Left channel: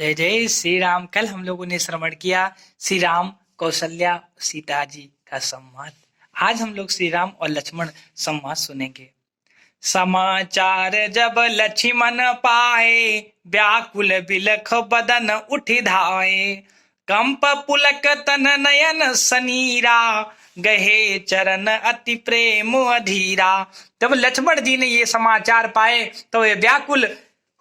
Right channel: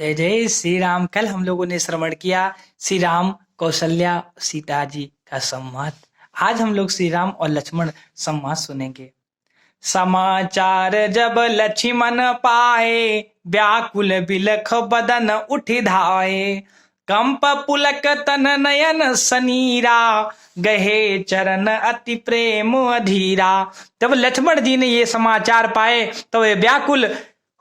जय जय श्री राम। कल हम लोगों ने श्रवण किया श्री राम कौशल्या सीता जी का संवाद। आज हम लोग श्री राम और लक्ष्मण संवाद सुनेंगे। समाचार जब लक्ष्मण पाए, व्याकुल बिलख बदन उठ धाये। कंप पुलक तन नयन सनीरा, गहे चरण अति प्रेम अधीरा। जब लक्ष्मण जी ने ये समाचार पाए तो वे व्याकुल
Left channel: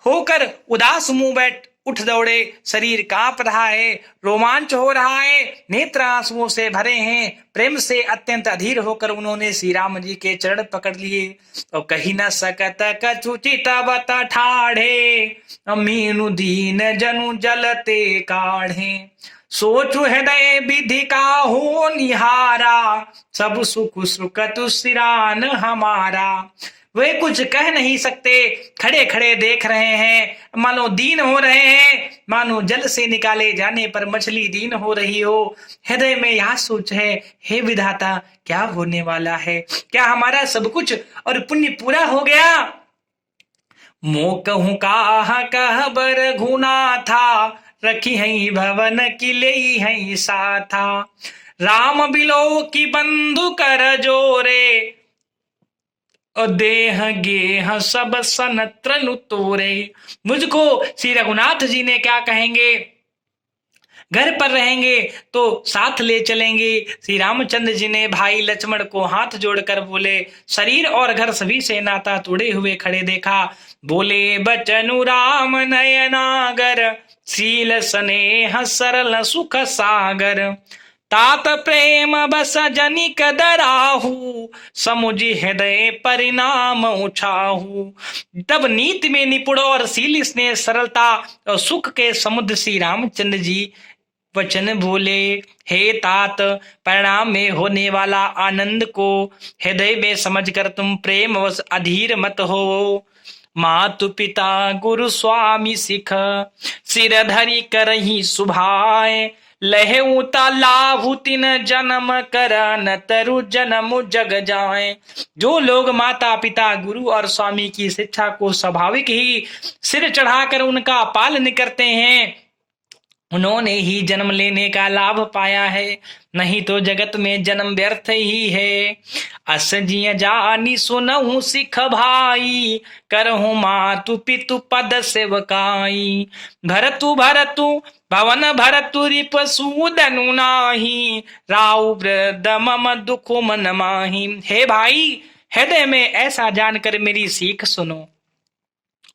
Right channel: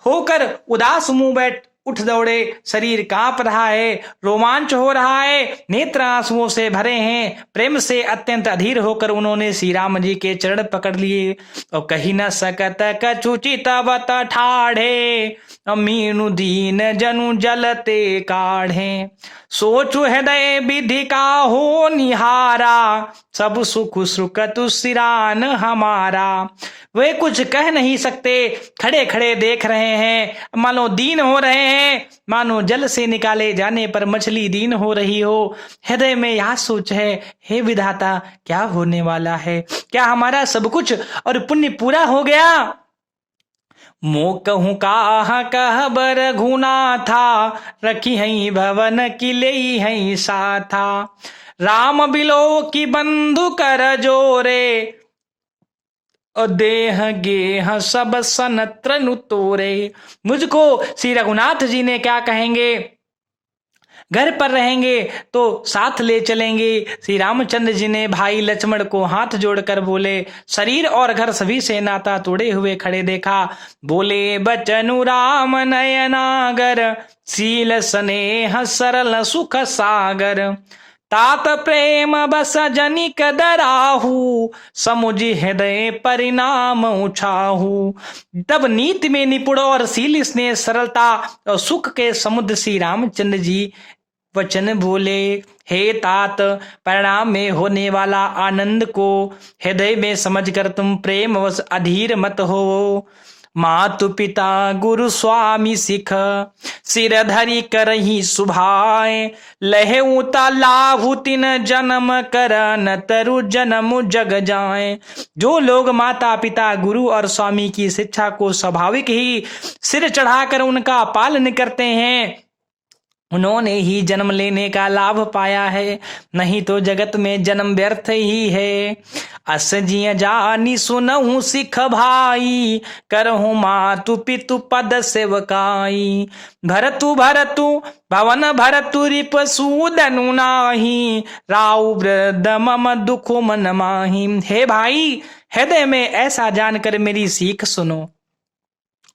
होकर उदास मुंह बैठ उठ दौड़े। शरीर कांप रहा है, रोमांच हो रहा है, नेत्र आंसुओं से भरे हैं। प्रेम से अत्यंत अधीर होकर उन्होंने श्री राम जी के चरण पकड़ लिए और कही न सकत कछु चितवत ठाढ़े, मीनु दीन जनु जलते काढ़े। सोचु हृदय विधि का हो निहारा, सब सुख सुखतु सिरान हमारा। वे कुछ कह नहीं सकते, खड़े खड़े देख रहे हैं, मानो दीन हो रहे हैं, मानो जल से निकाले जाने पर मछली दीन हो रही हो। हृदय में यह सोच है, हे विधाता क्या होने वाला है? क्या हमारा सब कुछ और पुण्य पूरा हो गया? मो कहूँ काहा कहबर घुना था, रखी हई भवन किले हई साथा। राम बिलो की बंधु कर जोरे, देह गेह सब सनत्रनु तोरे। मुझको श्री रघुनाथ जी ने क्या कहेंगे? घर पर रहेंगे तो साथ ले चलेंगे। श्री रामचंद्र जी ने भाई लक्ष्मण को हाथ जोड़कर बोले, शरीर और घर सभी से नाता तोड़े हुए खड़े देखा। बोले बचनु राम नयनागर, शील स्नेह सरल सुख सागर। तात प्रेम बस जनिक दराहू, समुझ हृदय परिणाम उछाहू। तब नीति में निपुण और शील स्नेह सरलता और सुख के समुद्र श्री रामचंद्र जी वचन बोले, हे तात, परिणाम में होने वाला आनंद को हृदय में समझकर तुम प्रेम वश अधीर मत हो। मातु पिता गुरु स्वामी सिख, सिर धरि करही सुभाए। लहेऊता लाभु तिन जन्म करन, तरु जन्म जग जाए। जो लोग माता पिता गुरु और स्वामी की शिक्षा को स्वाभाविक ही सिर चढ़ाकर उनका पालन करते हैं, उन्होंने ही जन्म लेने का लाभ पाया है, नहीं तो जगत में जन्म व्यर्थ ही है। अस जिय जानी सुनहु सिख भाई, करहु मातु पितु पद सेवकाई। भरतु भरतु भवन भरतु रिप सूदनु नाही, राउ वृद्ध मम दुख मन माही। हे भाई, हृदय में ऐसा जानकर मेरी सीख सुनो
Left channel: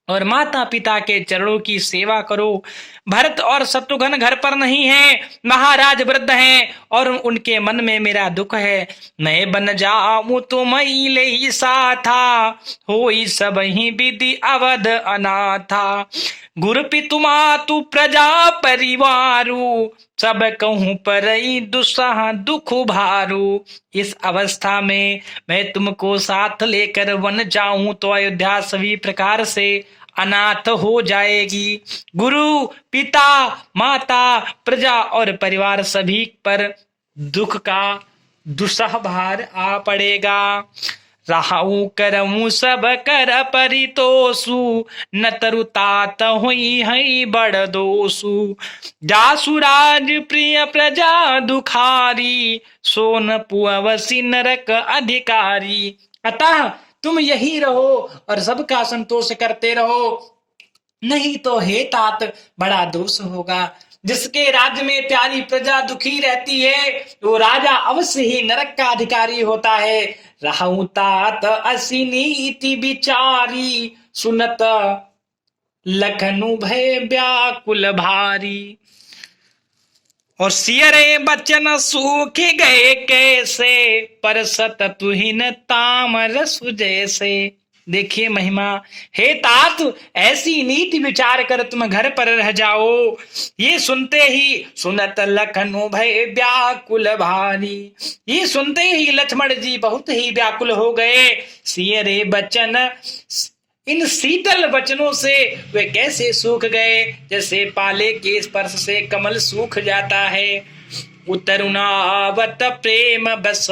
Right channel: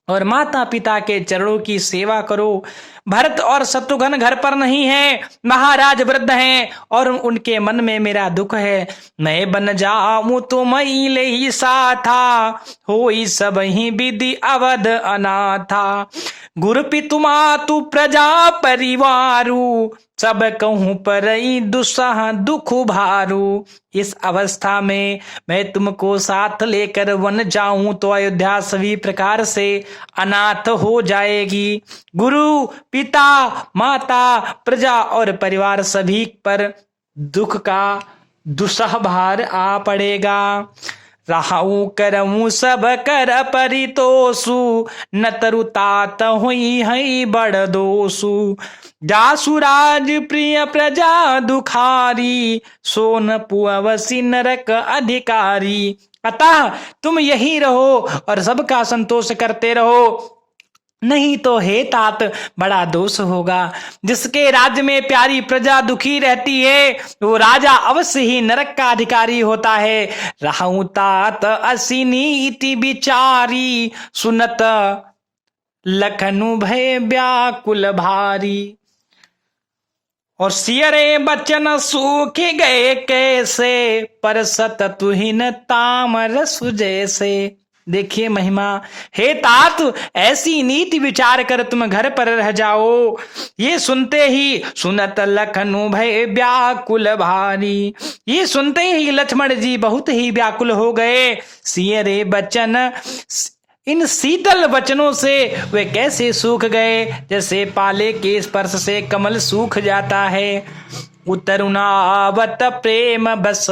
और माता पिता के चरणों की सेवा करो। भरत और शत्रुघ्न घर पर नहीं हैं, महाराज वृद्ध हैं और उनके मन में मेरा दुख है। मैं बन जाऊं तो मई ले ही साथा, होई सब ही विधि अवध अनाथा। गुरु पितु मातु प्रजा परिवारु, सब कहूं पर दुस्सह दुख भारू। इस अवस्था में मैं तुमको साथ लेकर वन जाऊं तो अयोध्या सभी प्रकार से अनाथ हो जाएगी। गुरु पिता माता प्रजा और परिवार सभी पर दुख का दुस्सह भार आ पड़ेगा। राहु करमु सब कर परितोषु, न तरु तात हुई है बड़ दोषु। जासु राज प्रिय प्रजा दुखारी, सोन पुअवसी नरक अधिकारी। अतः तुम यही रहो और सबका संतोष करते रहो, नहीं तो हे तात बड़ा दोष होगा। जिसके राज्य में प्यारी प्रजा दुखी रहती है, वो राजा अवश्य ही नरक का अधिकारी होता है। रहु तात असी नीति विचारी, सुनत लखनु भय व्याकुल भारी। और सियरे बचन सूख गए कैसे, परसत तुहिन तामरस जैसे। देखिए महिमा, हे तात, ऐसी नीति विचार कर तुम घर पर रह जाओ। ये सुनते ही सुनत लखनु भय व्याकुल भारी, ये सुनते ही लक्ष्मण जी बहुत ही व्याकुल हो गए। सियरे बचन, इन शीतल वचनों से वे कैसे सूख गए, जैसे पाले के स्पर्श से कमल सूख जाता है। उतरुनावत प्रेम बस,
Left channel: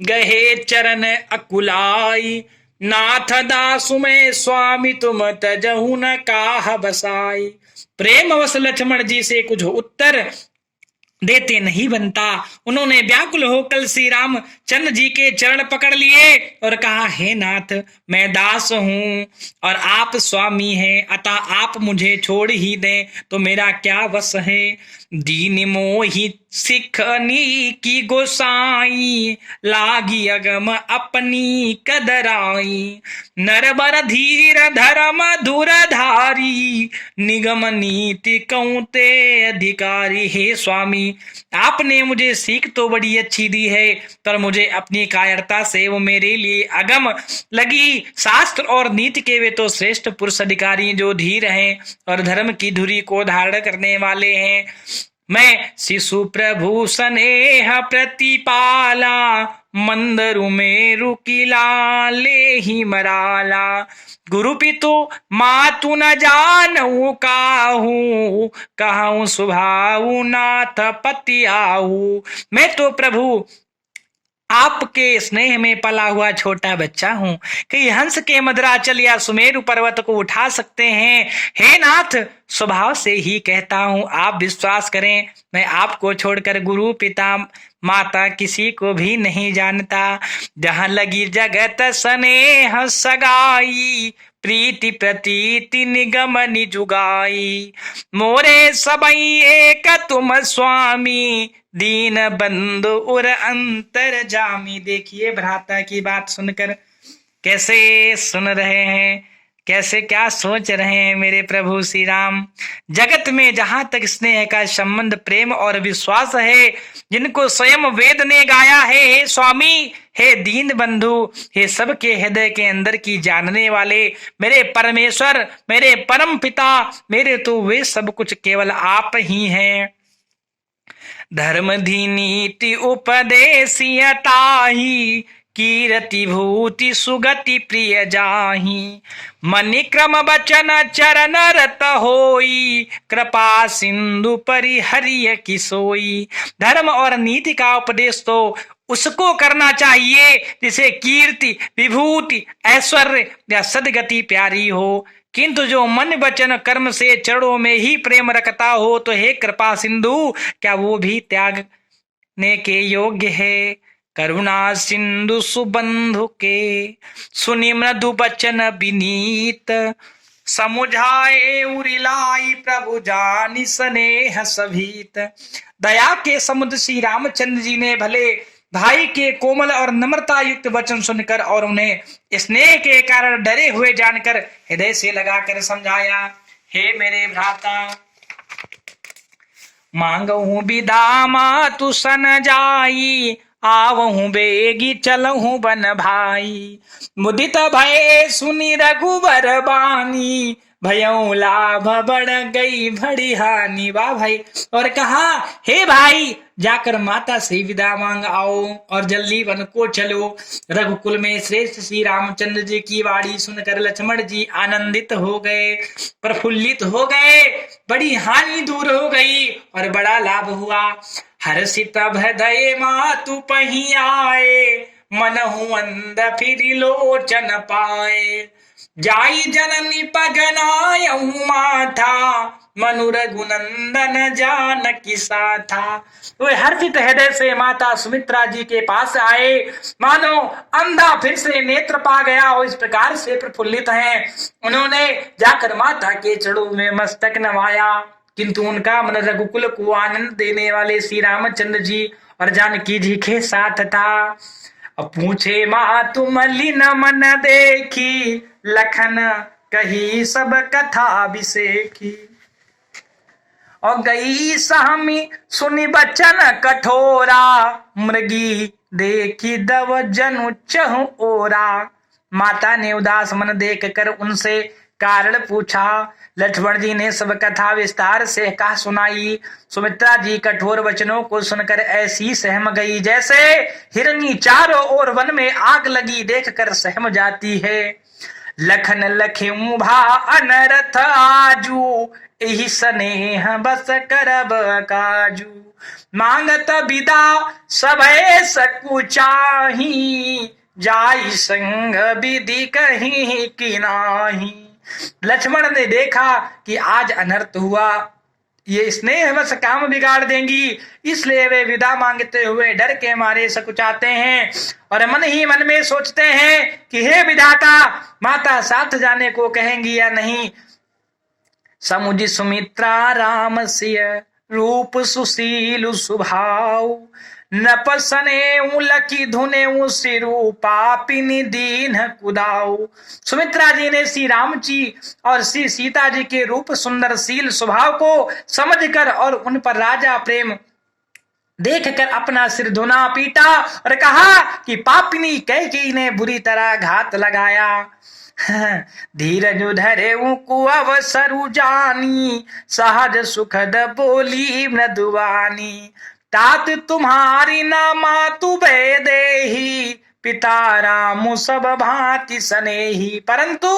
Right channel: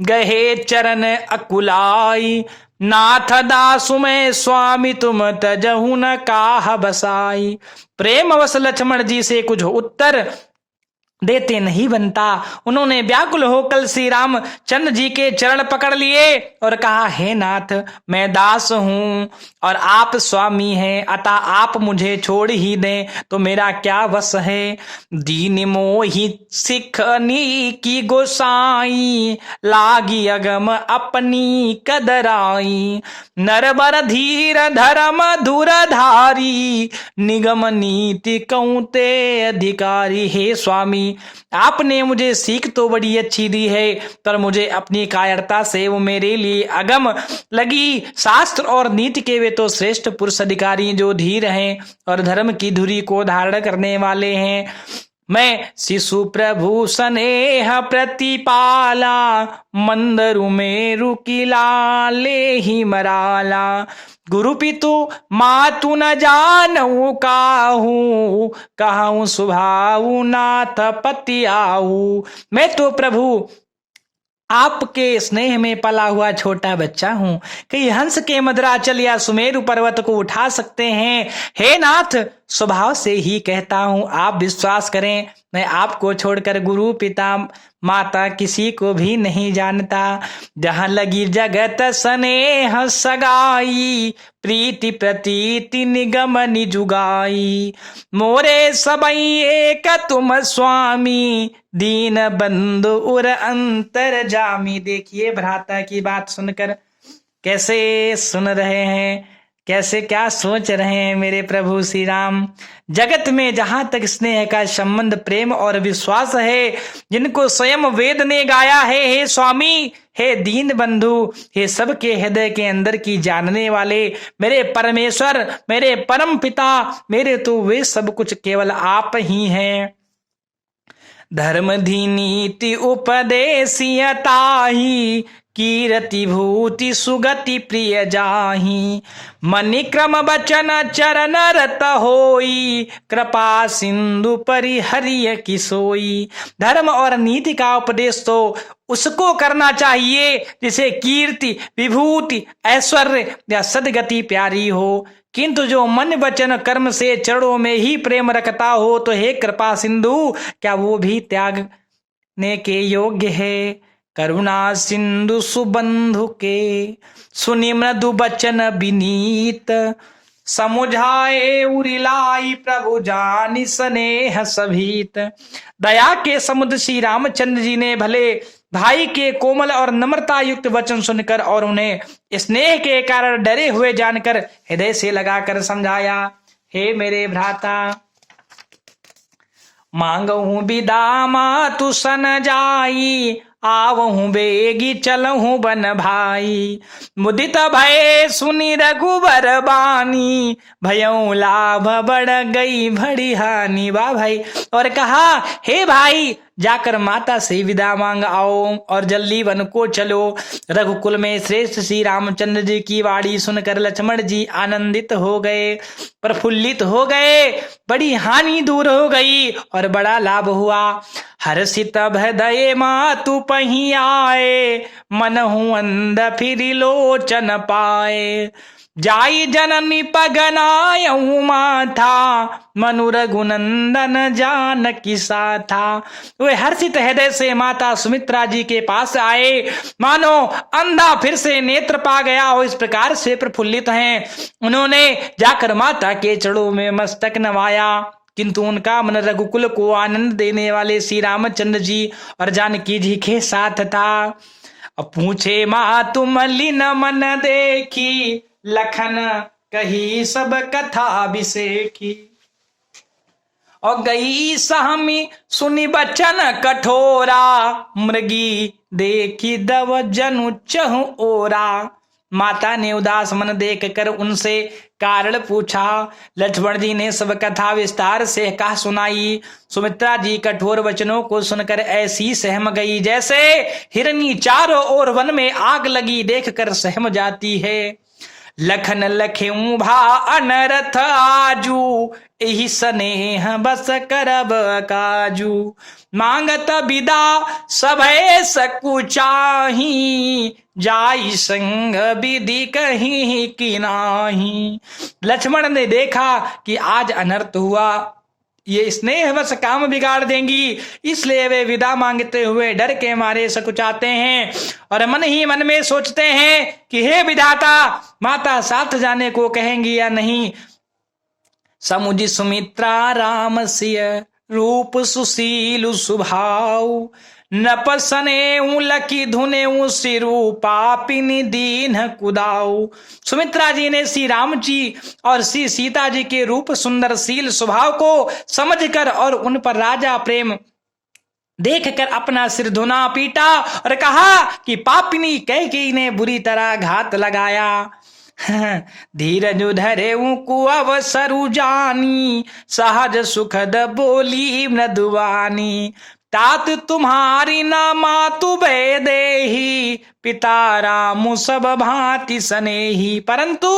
गहे चरण अकुलाई। नाथ दासु मैं स्वामी तुम तजहु न काह बसाई। प्रेम अवश लक्ष्मण जी से कुछ उत्तर देते नहीं बनता। उन्होंने व्याकुल होकर श्री राम चंद्र जी के चरण पकड़ लिए और कहा, हे नाथ, मैं दास हूं और आप स्वामी हैं, अतः आप मुझे छोड़ ही दें तो मेरा क्या वश है। दीन मोहि सिखनी की गोसाई, लागी अगम अपनी कदराई। नरबर धीर धर्म धुरधारी, निगम नीति कौते अधिकारी। हे स्वामी, आपने मुझे सीख तो बड़ी अच्छी दी है, पर मुझे अपनी कायरता से वो मेरे लिए अगम लगी। शास्त्र और नीति के वे तो श्रेष्ठ पुरुष अधिकारी जो धीर हैं और धर्म की धुरी को धारण करने वाले हैं। मैं शिशु प्रभु स्नेह प्रतिपाला, मंदरु मेरु किला ले ही मराला। गुरु पितु मातु न जानऊ काहू, कहूँ सुभाऊ नाथ पति आऊ। मैं तो प्रभु आपके स्नेह में पला हुआ छोटा बच्चा हूं, कहीं हंस के मद्राचल या सुमेरु पर्वत को उठा सकते हैं। हे नाथ, स्वभाव से ही कहता हूं, आप विश्वास करें, मैं आपको छोड़कर गुरु पिता माता किसी को भी नहीं जानता। जहां लगी जगत स्नेह सगाई, प्रीति प्रतीति निगम निजुगाई। मोरे सबई एक तुम स्वामी, दीन बंधु उर अंतर जामी। देखिए भ्राता की बात सुनकर कैसे सुन रहे हैं, कैसे क्या सोच रहे हैं मेरे प्रभु श्री राम। जगत में जहां तक स्नेह का संबंध, प्रेम और विश्वास है, जिनको स्वयं वेद ने गाया है, हे स्वामी, हे दीन बंधु, हे सबके हृदय के अंदर की जानने वाले, मेरे परमेश्वर, मेरे परम पिता, मेरे तो वे सब कुछ केवल आप ही हैं। धर्म धी नीति उपदेशियताही, कीरति भूति सुगति प्रिय जाही। मनि क्रम बचन चरण रत होई, कृपा सिंधु परिहरिय की सोई। धर्म और नीति का उपदेश तो उसको करना चाहिए जिसे कीर्ति, विभूति, ऐश्वर्य या सदगति प्यारी हो, किंतु जो मन वचन कर्म से चरणों में ही प्रेम रखता हो, तो हे कृपा सिंधु, क्या वो भी त्यागने के योग्य है। करुणा सिंधु सुबंधु के, सुनि मृदु बचन विनीत। समुझाए उरिलाई प्रभु जानि स्नेह सभीत। दया के समुद्र श्री रामचंद्र जी ने भले भाई के कोमल और नम्रता युक्त वचन सुनकर और उन्हें स्नेह के कारण डरे हुए जानकर हृदय से लगाकर समझाया, हे मेरे भ्राता, मांगहूं विदा तु सन जाई, आवहूं बेगी चलहूं बन भाई। मुदित भय सुनि रघुबर बानी, भयऊ लाभ बढ़ गई बड़ी हानि। वाह भाई। और कहा, हे भाई, जाकर माता से विदा मांग आओ और जल्दी वन को चलो। रघुकुल में श्रेष्ठ श्री रामचंद्र जी की वाणी सुनकर लक्ष्मण जी आनंदित हो गए, प्रफुल्लित हो गए, बड़ी हानि दूर हो गई और बड़ा लाभ हुआ। हर्षित भदय मातु पही आए, मनहु अंध फिर लोचन पाए। जाई जननी पगनायहु माथा, मनु रघुनंदन जानकी साथा। वे हर्षित हृदय से माता सुमित्रा जी के पास आए, मानो अंधा फिर से नेत्र पा गया हो, इस प्रकार से प्रफुल्लित हैं। उन्होंने जाकर माता के चरणों में मस्तक नवाया, किंतु उनका मन रघुकुल को आनंद देने वाले श्री रामचंद्र जी और जानकी जी के साथ था। अब पूछे मातु मलिन मन देखी, लखन कही सब कथा अभिषेकी। और गई सहमी सुनि बचन कठोरा, मृगी देखी दव जनु चहु ओरा। माता ने उदास मन देख कर उनसे कारण पूछा। लक्ष्मण जी ने सब कथा विस्तार से कहा सुनाई। सुमित्रा जी कठोर वचनों को सुनकर ऐसी सहम गई जैसे हिरनी चारों ओर वन में आग लगी देखकर सहम जाती है। लखन लखे भा अनरथ आजू, एहि स्नेह बस करब काजू। मांगत विदा सभय सकुचाही, जाई संग विधि कहीं की नाही। लक्ष्मण ने देखा कि आज अनर्थ हुआ, ये स्नेह बस काम बिगाड़ देंगी, इसलिए वे विदा मांगते हुए डर के मारे सकुचाते हैं और मन ही मन में सोचते हैं कि हे विधाता, माता साथ जाने को कहेंगी या नहीं। समुझ सुमित्रा राम सिय रूप सुशील स्वभाव, नपसने लकी धुने सिरु पापिनी दीन कुदाऊ। सुमित्रा जी ने श्री राम जी और श्री सीता जी के रूप सुंदरशील स्वभाव को समझकर और उन पर राजा प्रेम देखकर अपना सिर धुना पीटा और कहा कि पापिनी कैकेयी ने बुरी तरह घात लगाया। धीरज धरे को अवसरु जानी, सहज सुखद बोली मृदुवानी। तात तुम्हारी न मातु देही, पिता राम सब भांति सनेही। परंतु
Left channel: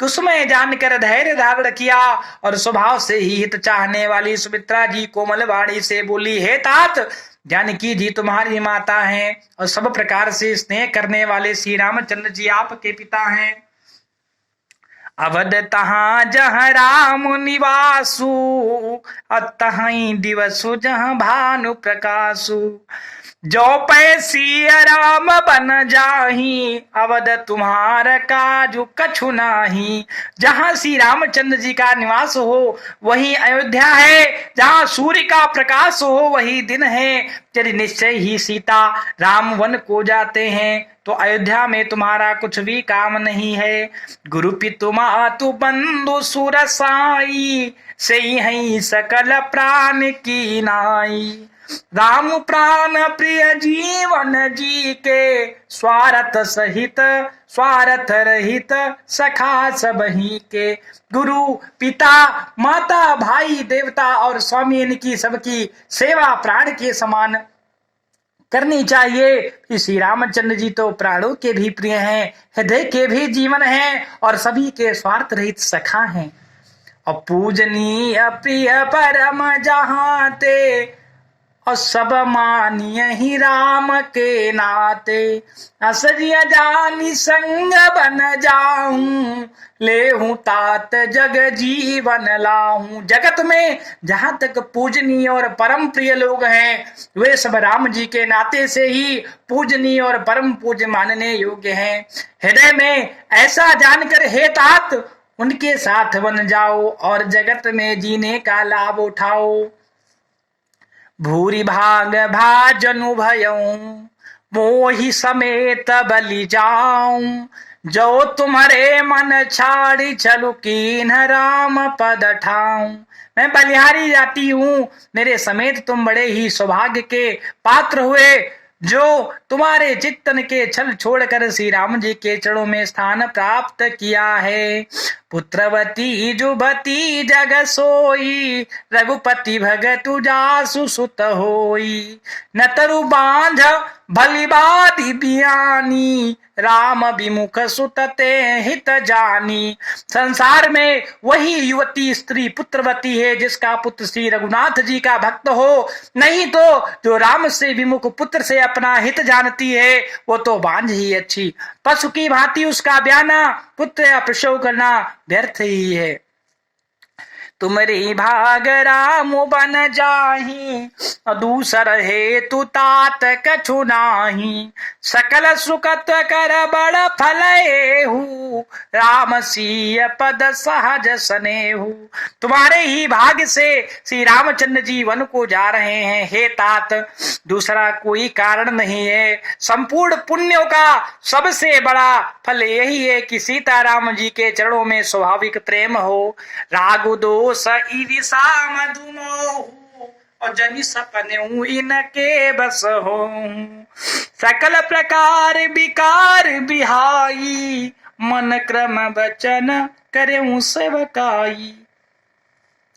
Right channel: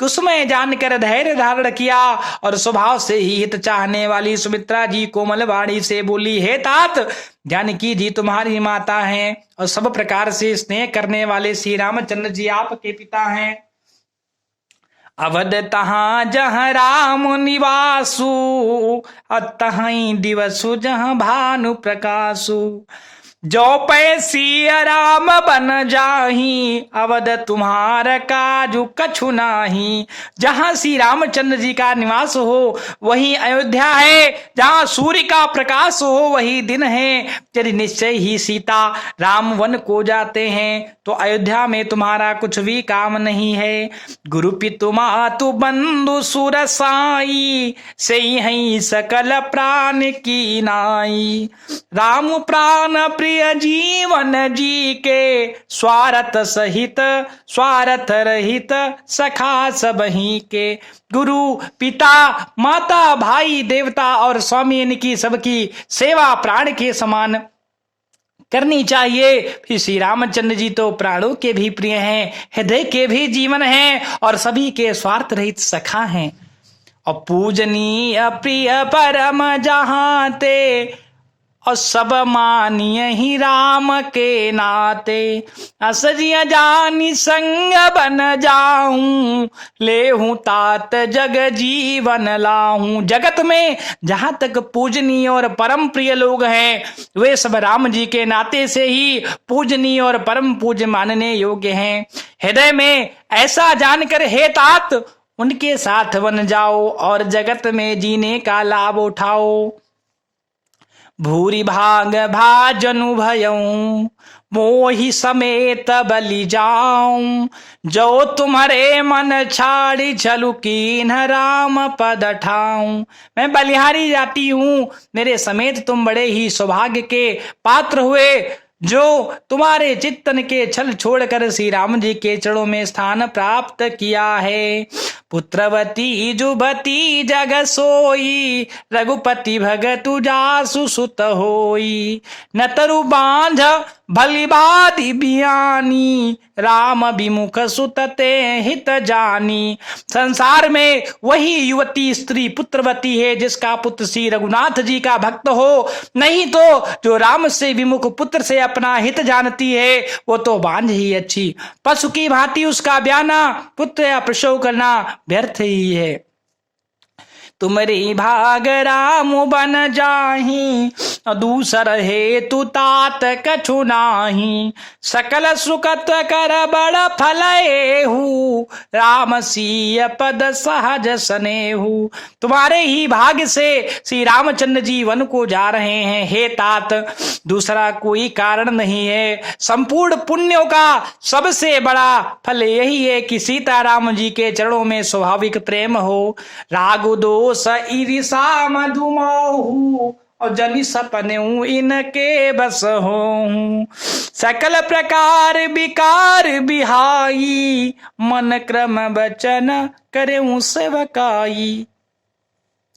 कुसुम जानकर धैर्य धारण किया और स्वभाव से ही हित चाहने वाली सुमित्रा जी कोमल वाणी से बोली, हे तात, जानकी जी तुम्हारी माता हैं और सब प्रकार से स्नेह करने वाले श्री रामचंद्र जी आपके पिता हैं। अवध तहाँ जहाँ राम निवासु, अतहीं दिवसु जहाँ भानु प्रकाशु। जो पैसी राम बन जाही, अवध तुम्हार काजू कछु नाही। जहाँ श्री रामचंद्र जी का निवास हो वही अयोध्या है, जहाँ सूर्य का प्रकाश हो वही दिन है। यदि निश्चय ही सीता राम वन को जाते हैं तो अयोध्या में तुम्हारा कुछ भी काम नहीं है। गुरु पितु मातु बंधु सुर साई, से ही सकल प्राण की नाई। राम प्राण प्रिय जीवन जी के, स्वार्थ सहित स्वार्थ रहित सखा सबही के। गुरु पिता माता भाई देवता और स्वामी इनकी सबकी सेवा प्राण के समान करनी चाहिए। फिर श्री रामचंद्र जी तो प्राणों के भी प्रिय हैं, हृदय के भी जीवन हैं और सभी के स्वार्थ रहित सखा हैं। और पूजनीय प्रिय परम जहाँ ते, और सब मानिय ही राम के नाते। असजिया जानी संग बन जाऊं, ले हूं तात जग जीवन लाऊं। जगत में जहां तक पूजनीय और परम प्रिय लोग हैं वे सब राम जी के नाते से ही पूजनीय और परम पूज्य मानने योग्य हैं। हृदय में ऐसा जानकर हे तात उनके साथ बन जाओ और जगत में जीने का लाभ उठाओ। भूरि भाग भाजनु भयऊं, मोहि समेत बलि जाऊं। जो तुम्हारे मन छाड़ी चलू कीन राम पद ठाऊं। मैं बलिहारी जाती हूँ, मेरे समेत तुम बड़े ही सौभाग्य के पात्र हुए जो तुम्हारे चित्तन के छल छोड़कर श्री राम जी के चरणों में स्थान प्राप्त किया है। पुत्रवती जुबती जग सोई, रघुपति भगतु जासु सुत होई। न तरु बांध भलिबादी बियानी, राम विमुख सुतते हित जानी। संसार में वही युवती स्त्री पुत्रवती है जिसका पुत्र श्री रघुनाथ जी का भक्त हो, नहीं तो जो राम से विमुख पुत्र से अपना हित जानती है वो तो बांझ ही अच्छी। पशु की भांति उसका ब्याना पुत्र या प्रसव करना व्यर्थ ही है। तुमरी भाग राम बन जाही, दूसर हे तु तात कछु नाही। सकल सुखत कर बड़ फलेहु, राम सीय पद सहज सनेहु। तुम्हारे ही भाग्य से श्री रामचंद्र जी वन को जा रहे हैं हे तात, दूसरा कोई कारण नहीं है। संपूर्ण पुण्यों का सबसे बड़ा फल यही है कि सीताराम जी के चरणों में स्वाभाविक प्रेम हो। राग दोष ईर्षा मधुमोहु, और जनि सपने इनके बस हो। सकल प्रकार विकार बिहाई, मन क्रम वचन करे सेवकाई।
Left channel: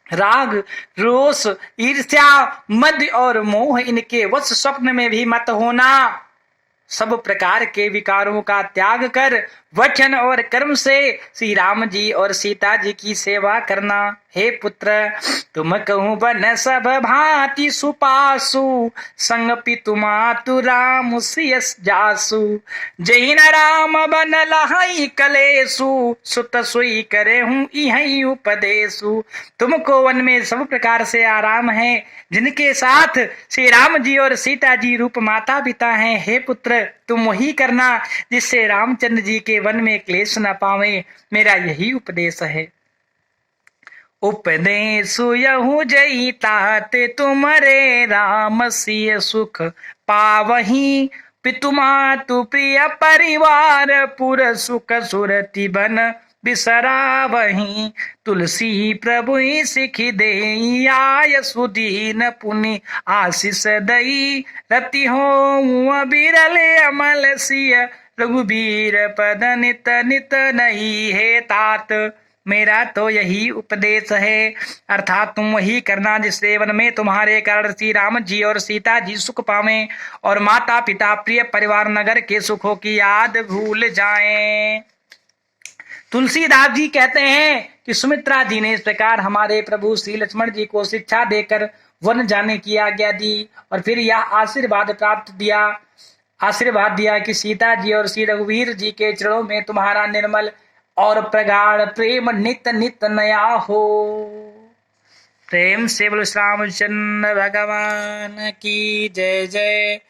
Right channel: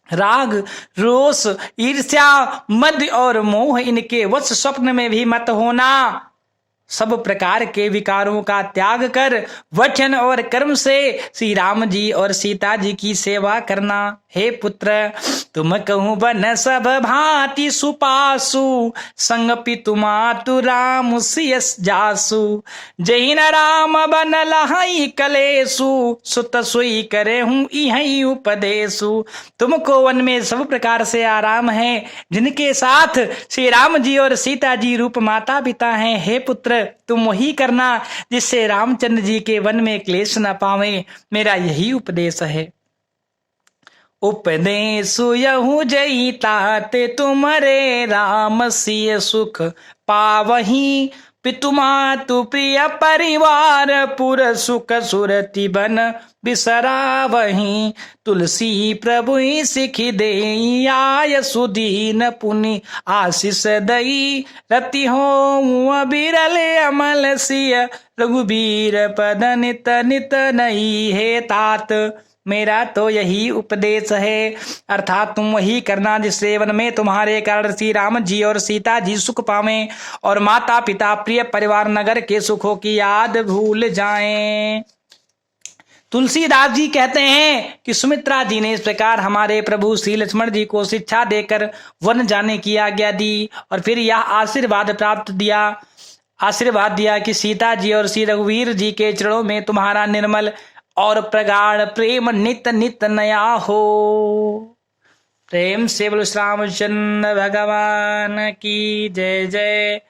राग रोष ईर्ष्या मद और मोह इनके वश स्वप्न में भी मत होना। सब प्रकार के विकारों का त्याग कर वचन और कर्म से श्री राम जी और सीता जी की सेवा करना। हे पुत्र, तुम कहूँ बन सब भांति सुपासु, संग पितु मातु राम सियस जासु। जही न राम बन लहई कलेसु, सुत सुई करे हूँ इहई उपदेशु। तुमको वन में सब प्रकार से आराम है, जिनके साथ श्री राम जी और सीता जी रूप माता पिता हैं। हे पुत्र, तुम वही करना जिससे रामचंद्र जी के वन में क्लेश न पावे। मेरा यही उपदेश है। उपदेश यहू जई ताते तुमरे, राम सिय सुख पावही। पितु मातु प्रिय परिवार, पुर सुख सुरति बन बिसरावही। तुलसी प्रभु सिखि देई, आय सुदीन पुनि आशीष दई। रति हो बिरल अमल सिय, रघुबीर पद नित नित नई। हे तात, मेरा तो यही उपदेश है, अर्थात तुम वही करना जिससे वन में तुम्हारे कारण श्री राम जी और सीता जी सुख पावें और माता पिता प्रिय परिवार नगर के सुखों की याद भूल जाएं। तुलसीदास जी कहते हैं कि सुमित्रा जी ने इस प्रकार हमारे प्रभु श्री लक्ष्मण जी को शिक्षा देकर वन जाने की आज्ञा दी और फिर यह आशीर्वाद दिया कि सीता जी और श्री रघुवीर जी के चरणों में तुम्हारा निर्मल और प्रगाढ़ प्रेम नित नित नया हो। प्रेम से बोलो श्री रामचंद्र भगवान की जय जय।